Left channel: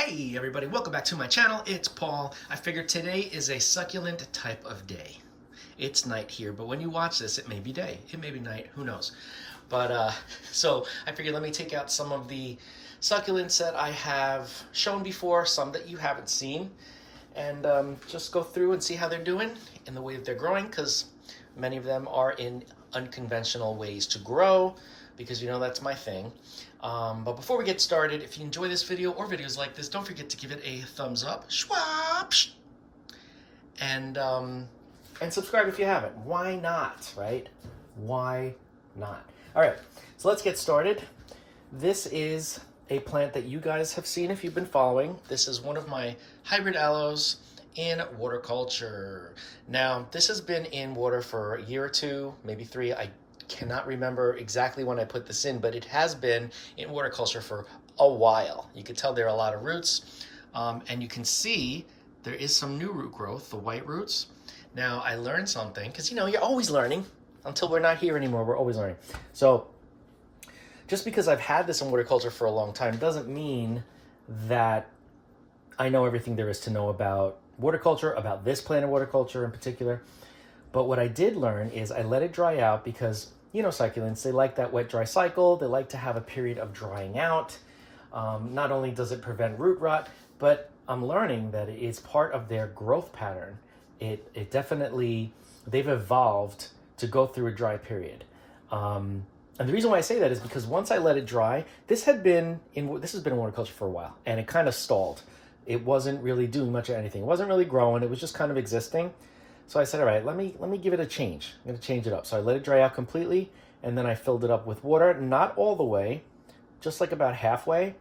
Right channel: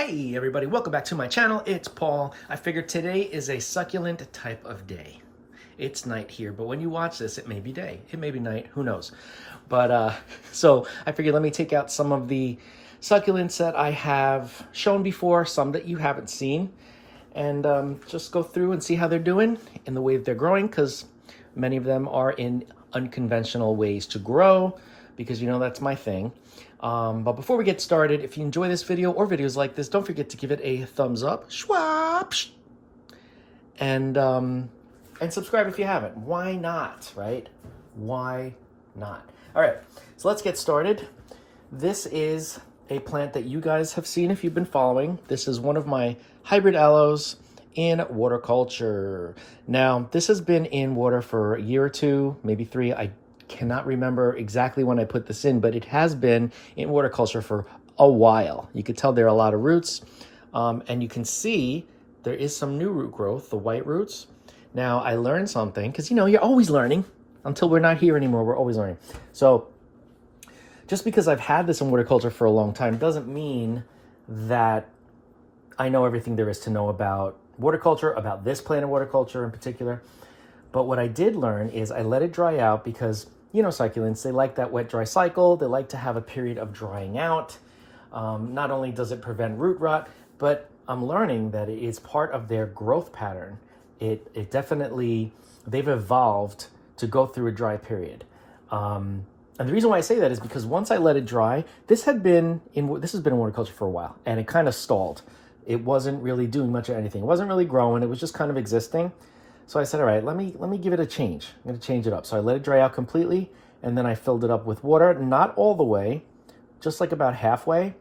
Hey everybody, welcome back to my channel. It's Paul. I figured today is a succulent type of day. It's night here, but when you watch this, it may be day. It may be night, who knows. But so I figured let me take out some of the succulents that I have shown before, some that you haven't seen, and just go through and see how they're doing in the way that they're growing, because many of them are in unconventional ways to grow, because you know that's my thing. But before we get started, if you enjoy this video or videos like this, don't forget to give it a thumbs up, and subscribe if you haven't. Why not, right? Why not? All right, so let's get started. This is a plant that you guys have seen if you've been following. This is one of my hybrid aloes in water culture. Now, this has been in water for a year or two, maybe 3. I cannot remember exactly when I put this in, but it has been in water culture for a while. You can tell there are a lot of roots, and you can see there is some new root growth, the white roots. Now, I learned something, because, you know, you're always learning. Until we're not here anymore, we're always learning. So just because I've had this in water culture for a long time doesn't mean that I know everything there is to know about water culture, about this plant of water culture in particular. But what I did learn is I let it dry out because, you know, succulents, they like that wet dry cycle. They like to have a period of drying out. Not only does it prevent root rot, but I'm learning that it is part of their growth pattern. It definitely, they've evolved to go through a dry period. And the reason why I say that is because once I let it dry, this has been in water culture for a while, and it kind of stalled. It wasn't really doing much of anything. It wasn't really growing. It was just kind of existing. So I said, all right, let me give it a change. I'm going to change it up. So I let it dry out completely, and then I filled it up with water, not all the way, just like about halfway.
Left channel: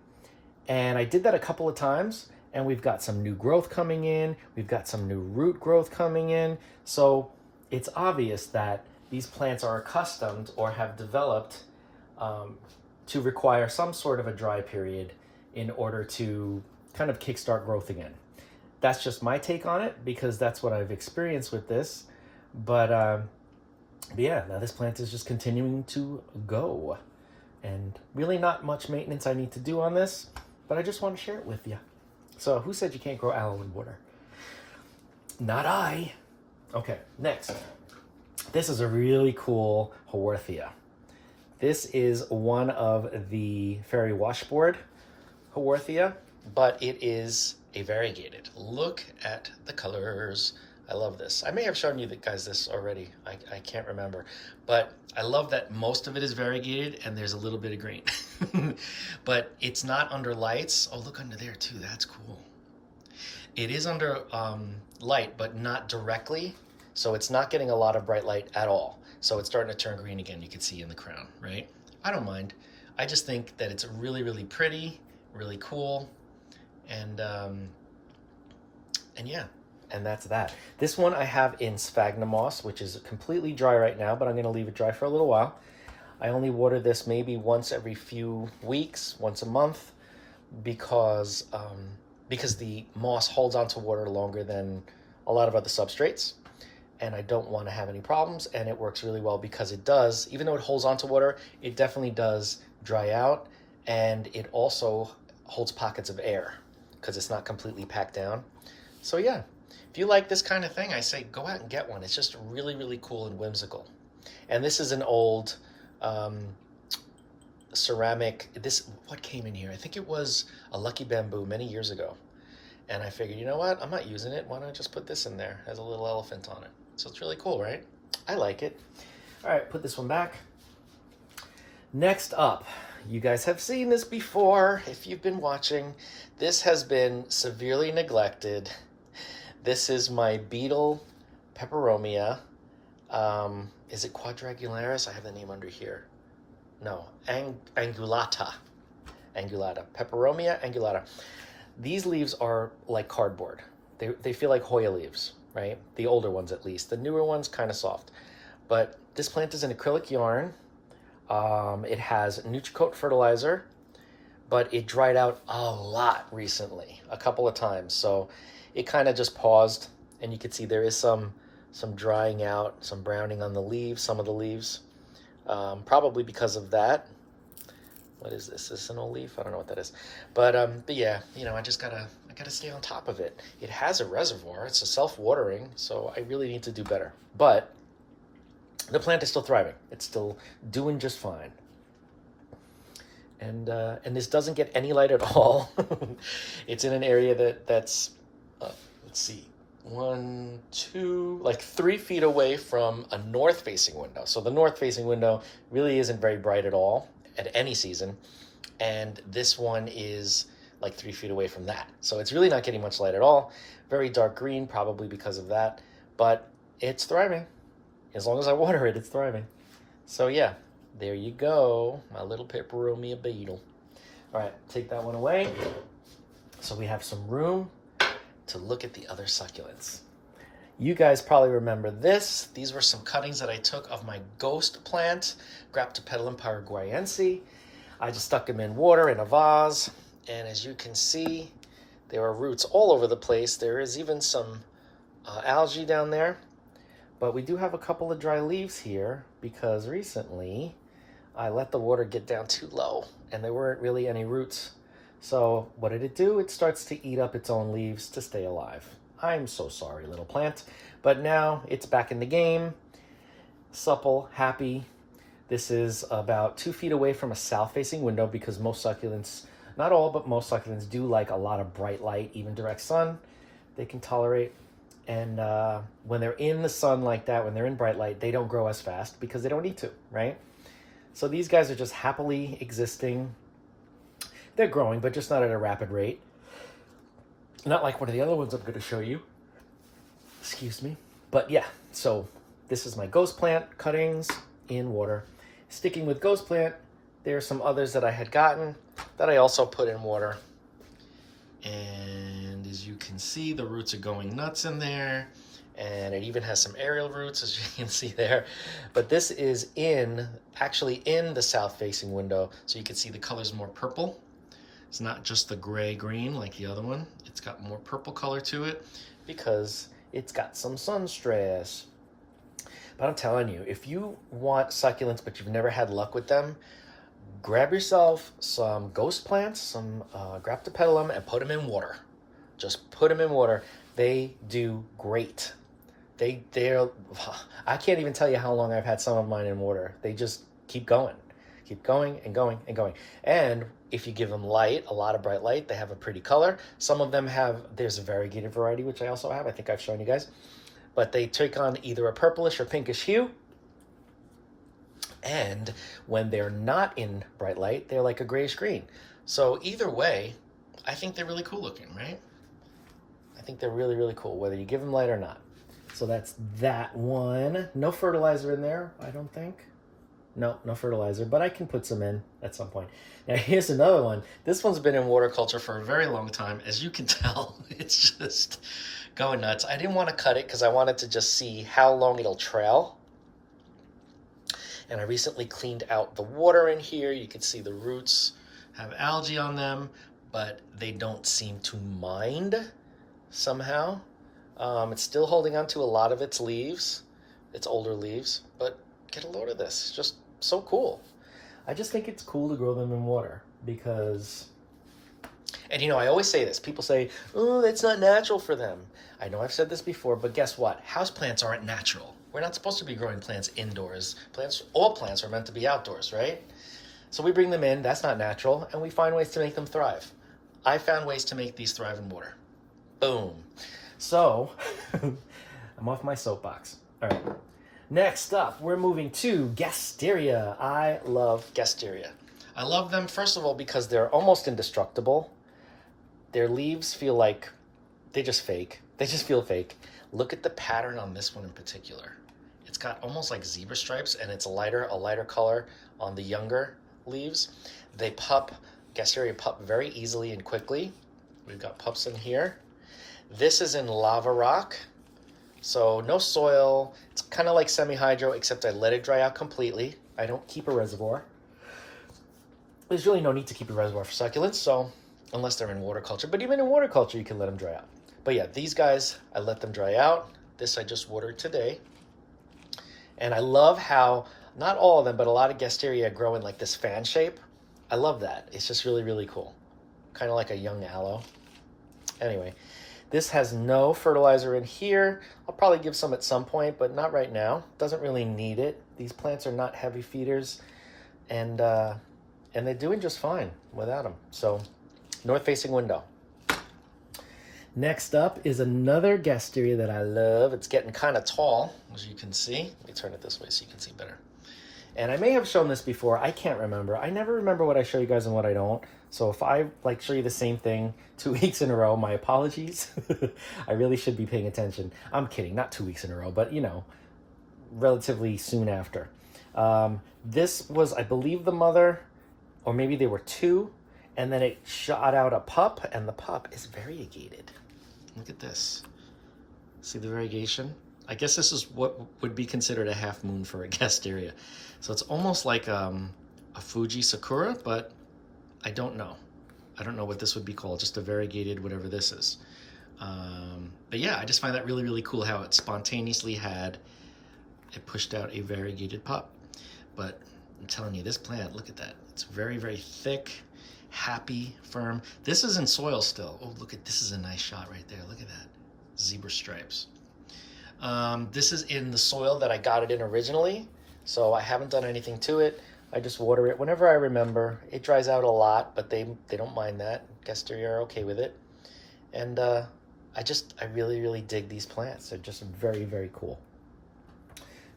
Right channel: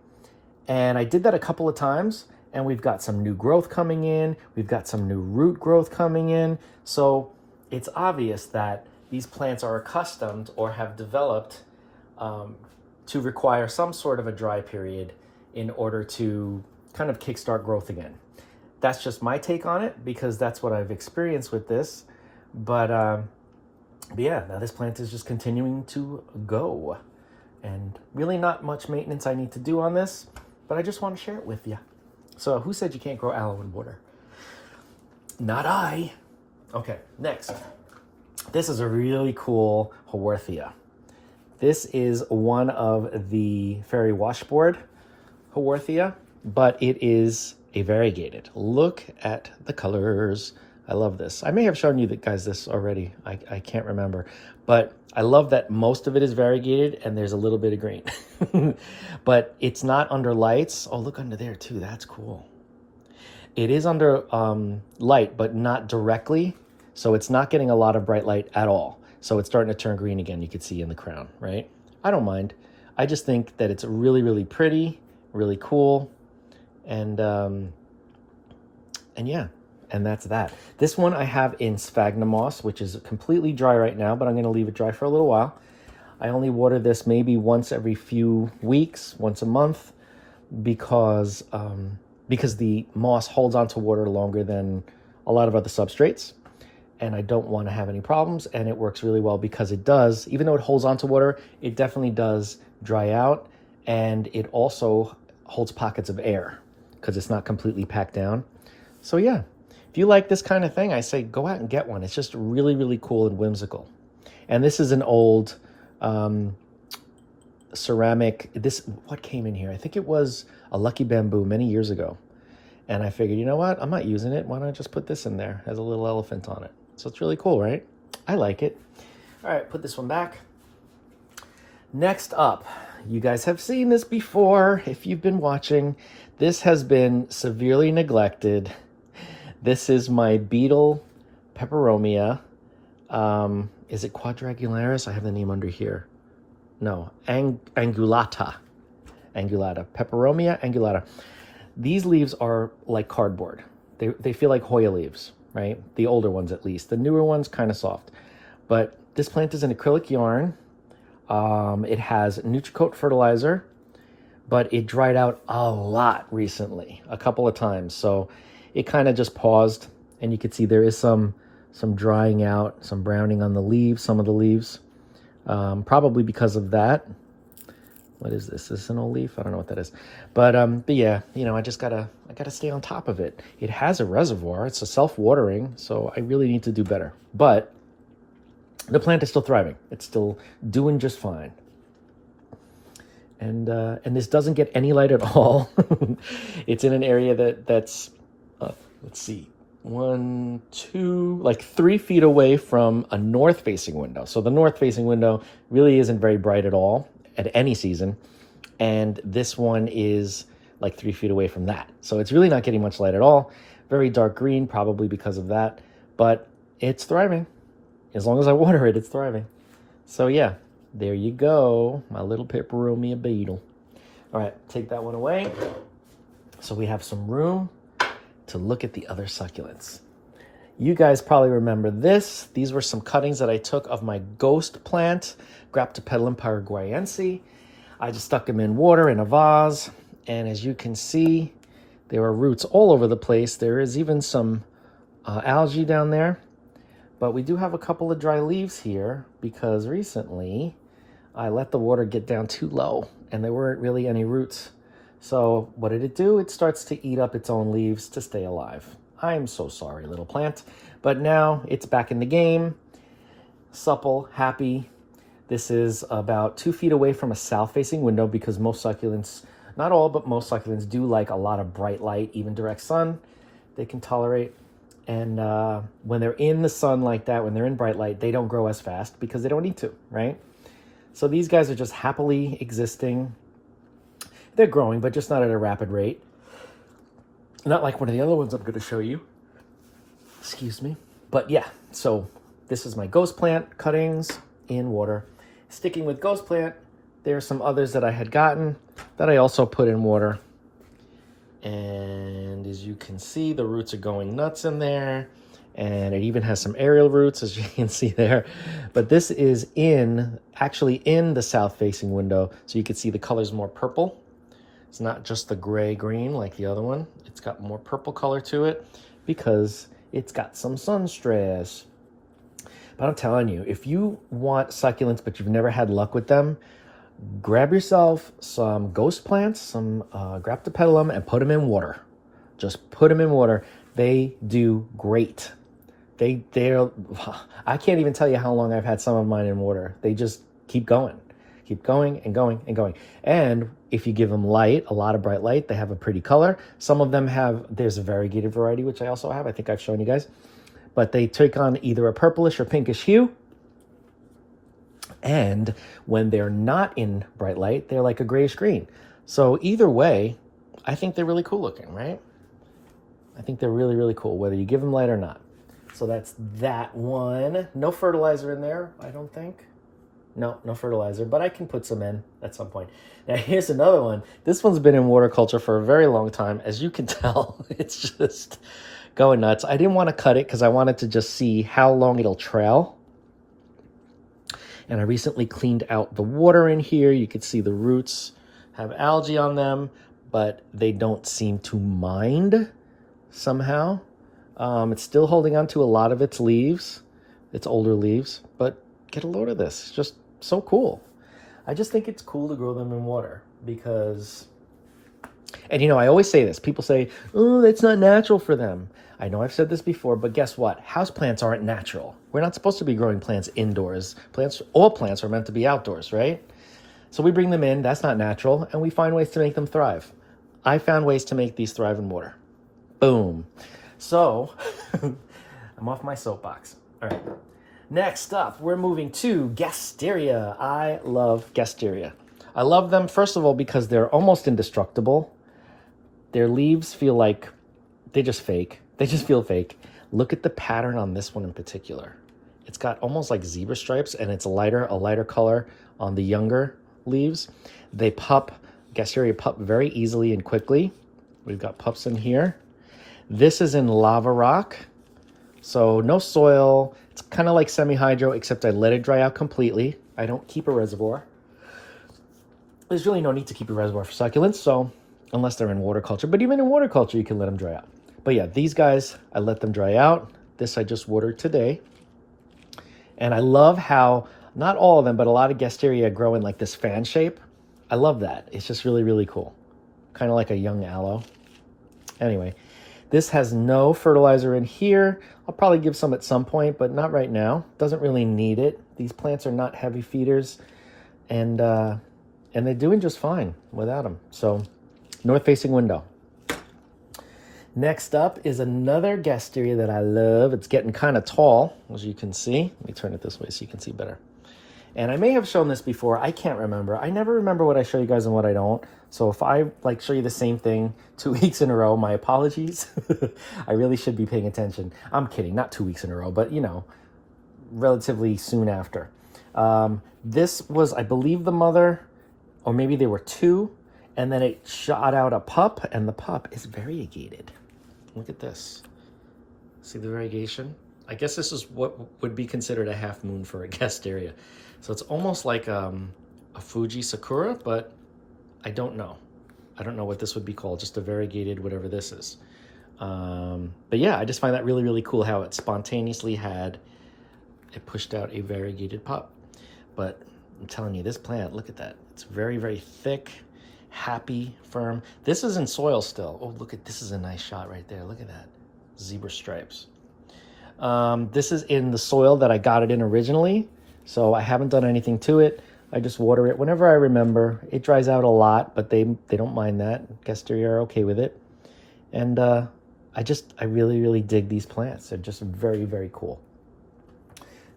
And I did that a couple of times, and we've got some new growth coming in. We've got some new root growth coming in. So it's obvious that these plants are accustomed or have developed to require some sort of a dry period in order to kind of kickstart growth again. That's just my take on it, because that's what I've experienced with this. But yeah, now this plant is just continuing to go. And really not much maintenance I need to do on this, but I just want to share it with you. So who said you can't grow aloe in water? Not I. Okay, next. This is a really cool Haworthia. This is one of the fairy washboard Haworthia, but it is a variegated. Look at the colors. I love this. I may have shown you guys this already. I can't remember, but I love that most of it is variegated and there's a little bit of green. But it's not under lights. Oh, look under there too. That's cool. It is under light, but not directly. So it's not getting a lot of bright light at all. So it's starting to turn green again. You can see in the crown, right? I don't mind. I just think that it's really, really pretty, really cool. And yeah, and that's that. This one I have in sphagnum moss, which is completely dry right now, but I'm going to leave it dry for a little while. I only water this maybe once every few weeks, once a month, because the moss holds onto water longer than a lot of other substrates, and I don't want to have any problems. And it works really well because it does, even though it holds onto water, it definitely does dry out, and it also holds pockets of air, because it's not completely packed down. So yeah, if you like this kind of thing, I say go out and get one. It's just really, really cool and whimsical. And this is an old ceramic, what came in here? I think it was a lucky bamboo many years ago. And I figured, you know what? I'm not using it. Why don't I just put this in there? It has a little elephant on it. So it's really cool, right? I like it. All right, put this one back. Next up, you guys have seen this before if you've been watching. This has been severely neglected. This is my beetle peperomia. Is it quadrangularis? I have the name under here. No, angulata. Angulata. Peperomia angulata. These leaves are like cardboard. They feel like Hoya leaves, right? The older ones at least. The newer ones kind of soft. But this plant is an acrylic yarn. It has Nutricoat fertilizer, but it dried out a lot recently, a couple of times. So it kind of just paused, and you can see there is some drying out, some browning on the leaves, some of the leaves, probably because of that. What is this? Is this an old leaf? I don't know what that is. But yeah, you know, I gotta stay on top of it. It has a reservoir. It's a self-watering, so I really need to do better. But the plant is still thriving. It's still doing just fine. And this doesn't get any light at all. It's in an area that's let's see, 1, 2, like 3 feet away from a north-facing window. So the north-facing window really isn't very bright at all at any season, and this one is like 3 feet away from that. So it's really not getting much light at all. Very dark green, probably because of that, but it's thriving. As long as I water it, it's thriving. So yeah, there you go, my little peperomia beetle. All right, take that one away. So we have some room to look at the other succulents. You guys probably remember this. These were some cuttings that I took of my ghost plant, Drought-Tolerant paraguayense. I just stuck them in water in a vase, and as you can see, there were roots all over the place. There is even some algae down there, but we do have a couple of dry leaves here because recently I let the water get down too low and there weren't really any roots. So what did it do? It starts to eat up its own leaves to stay alive. I'm so sorry, little plant. But now it's back in the game, supple, happy. This is about 2 feet away from a south-facing window because most succulents, not all, but most succulents do like a lot of bright light, even direct sun, they can tolerate. And when they're in the sun like that, when they're in bright light, they don't grow as fast because they don't need to, right? So these guys are just happily existing. They're growing, but just not at a rapid rate. Not like one of the other ones I'm going to show you. Excuse me. But yeah, so this is my ghost plant cuttings in water. Sticking with ghost plant, there are some others that I had gotten that I also put in water. And as you can see, the roots are going nuts in there. And it even has some aerial roots, as you can see there. But this is actually in the south-facing window, so you can see the color's more purple. It's not just the gray-green like the other one. It's got more purple color to it because it's got some sun stress. But I'm telling you, if you want succulents but you've never had luck with them, grab yourself some ghost plants, some Drought-Tolerant, and put them in water. Just put them in water. They do great. They're I can't even tell you how long I've had some of mine in water. They just keep going. Keep going and going and going. And if you give them light, a lot of bright light, they have a pretty color. Some of them there's a variegated variety, which I also have. I think I've shown you guys. But they take on either a purplish or pinkish hue. And when they're not in bright light, they're like a grayish green. So either way, I think they're really cool looking, right? I think they're really, really cool, whether you give them light or not. So that's that one. No fertilizer in there, I don't think. No fertilizer, but I can put some in at some point. Now here's another one. This one's been in water culture for a very long time. As you can tell, it's just going nuts. I didn't want to cut it because I wanted to just see how long it'll trail. And I recently cleaned out the water in here. You can see the roots have algae on them, but they don't seem to mind somehow. It's still holding on to a lot of its leaves, its older leaves, but get a load of this. It's just so cool. I just think it's cool to grow them in water because, and you know, I always say this. People say, oh, it's not natural for them. I know I've said this before, but guess what? Houseplants aren't natural. We're not supposed to be growing plants indoors. All plants are meant to be outdoors, right? So we bring them in, that's not natural, and we find ways to make them thrive. I found ways to make these thrive in water. Boom. So, I'm off my soapbox. All right. Next up, we're moving to Gasteria. I love Gasteria. I love them, first of all, because they're almost indestructible. Their leaves feel like, they just fake. They just feel fake. Look at the pattern on this one in particular. It's got almost like zebra stripes, and it's a lighter color on the younger leaves. They pup, Gasteria pup very easily and quickly. We've got pups in here. This is in lava rock. So no soil. It's kind of like semi-hydro, except I let it dry out completely. I don't keep a reservoir. There's really no need to keep a reservoir for succulents, so unless they're in water culture. But even in water culture, you can let them dry out. But yeah, these guys, I let them dry out. This I just watered today. And I love how, not all of them, but a lot of Gasteria grow in like this fan shape. I love that. It's just really, really cool. Kind of like a young aloe. Anyway, this has no fertilizer in here. I'll probably give some at some point, but not right now. Doesn't really need it. These plants are not heavy feeders, and they're doing just fine without them. So, north-facing window. Next up is another gasteria that I love. It's getting kind of tall, as you can see. Let me turn it this way so you can see better. And I may have shown this before. I can't remember. I never remember what I show you guys and what I don't. So if I like show you the same thing 2 weeks in a row, my apologies. I really should be paying attention. I'm kidding, not 2 weeks in a row, but you know, relatively soon after. This was, I believe, the mother, or maybe there were two, and then it shot out a pup, and the pup is variegated. Look at this. See the variegation? I guess this is what would be considered a half moon for a gasteria. So it's almost like a Fuji Sakura, but I don't know. I don't know what this would be called, just a variegated whatever this is. But yeah, I just find that really, really cool how it spontaneously it pushed out a variegated pup. But I'm telling you, this plant, look at that. It's very, very thick, happy, firm. This is in soil still. Oh, look at, this is a nice shot right there. Look at that, zebra stripes. This is in the soil that I got it in originally, so I haven't done anything to it. I just water it whenever I remember. It dries out a lot, but they don't mind that. Gasteria are okay with it. And I really, really dig these plants. They're just very, very cool.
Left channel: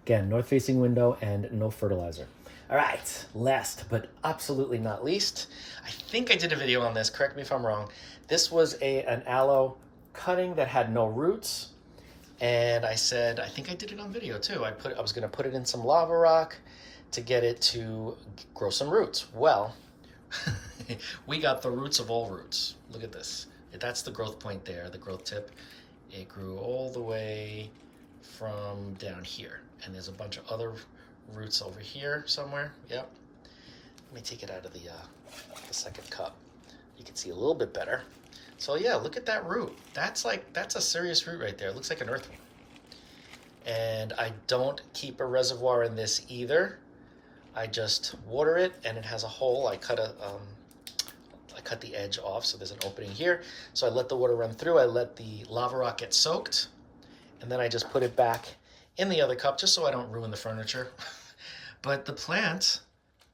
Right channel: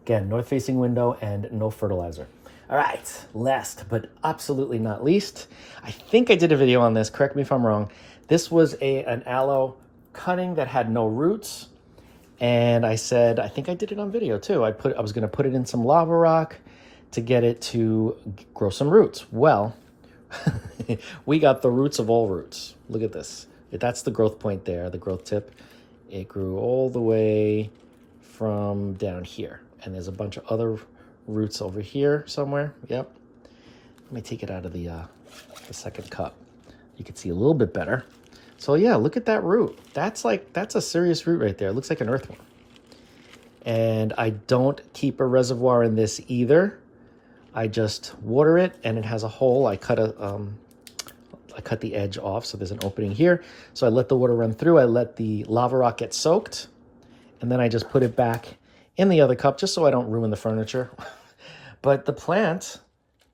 Again, north-facing window and no fertilizer. All right, last but absolutely not least, I think I did a video on this, correct me if I'm wrong. This was an aloe cutting that had no roots. And I said, I think I did it on video too. I was gonna put it in some lava rock to get it to grow some roots. Well, we got the roots of all roots. Look at this. That's the growth point there, the growth tip. It grew all the way from down here. And there's a bunch of other roots over here somewhere. Yep. Let me take it out of the second cup. You can see a little bit better. So yeah, look at that root. That's a serious root right there. It looks like an earthworm. And I don't keep a reservoir in this either. I just water it, and it has a hole. I cut the edge off, so there's an opening here. So I let the water run through. I let the lava rock get soaked, and then I just put it back in the other cup just so I don't ruin the furniture. But the plant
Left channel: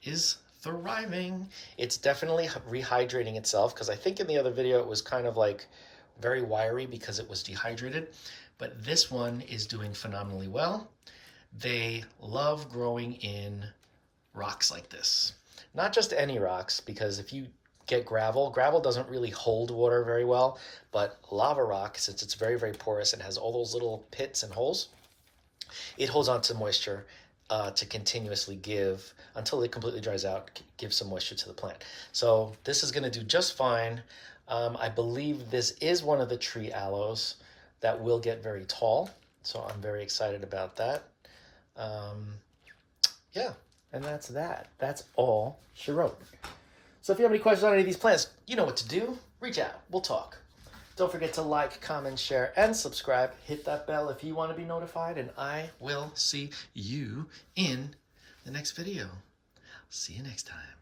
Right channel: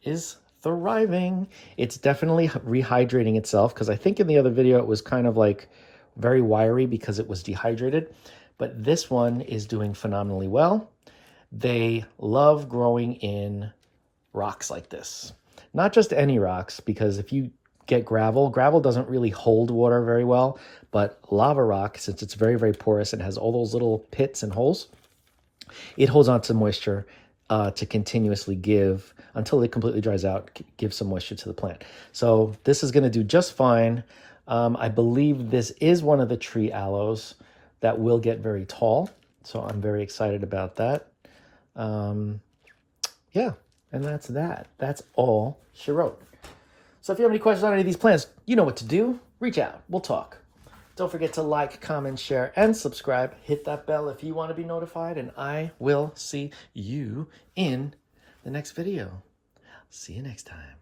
is thriving. It's definitely rehydrating itself, because I think in the other video it was kind of like very wiry because it was dehydrated, but this one is doing phenomenally well. They love growing in rocks like this. Not just any rocks, because if you get gravel doesn't really hold water very well, but lava rock, since it's very, very porous and has all those little pits and holes, it holds on to moisture to continuously give, until it completely dries out, give some moisture to the plant. So this is gonna do just fine. I believe this is one of the tree aloes that will get very tall. So I'm very excited about that. Yeah, and that's that. That's all she wrote. So if you have any questions on any of these plants, you know what to do. Reach out, we'll talk. Don't forget to like, comment, share, and subscribe. Hit that bell if you want to be notified, and I will see you in the next video. See you next time.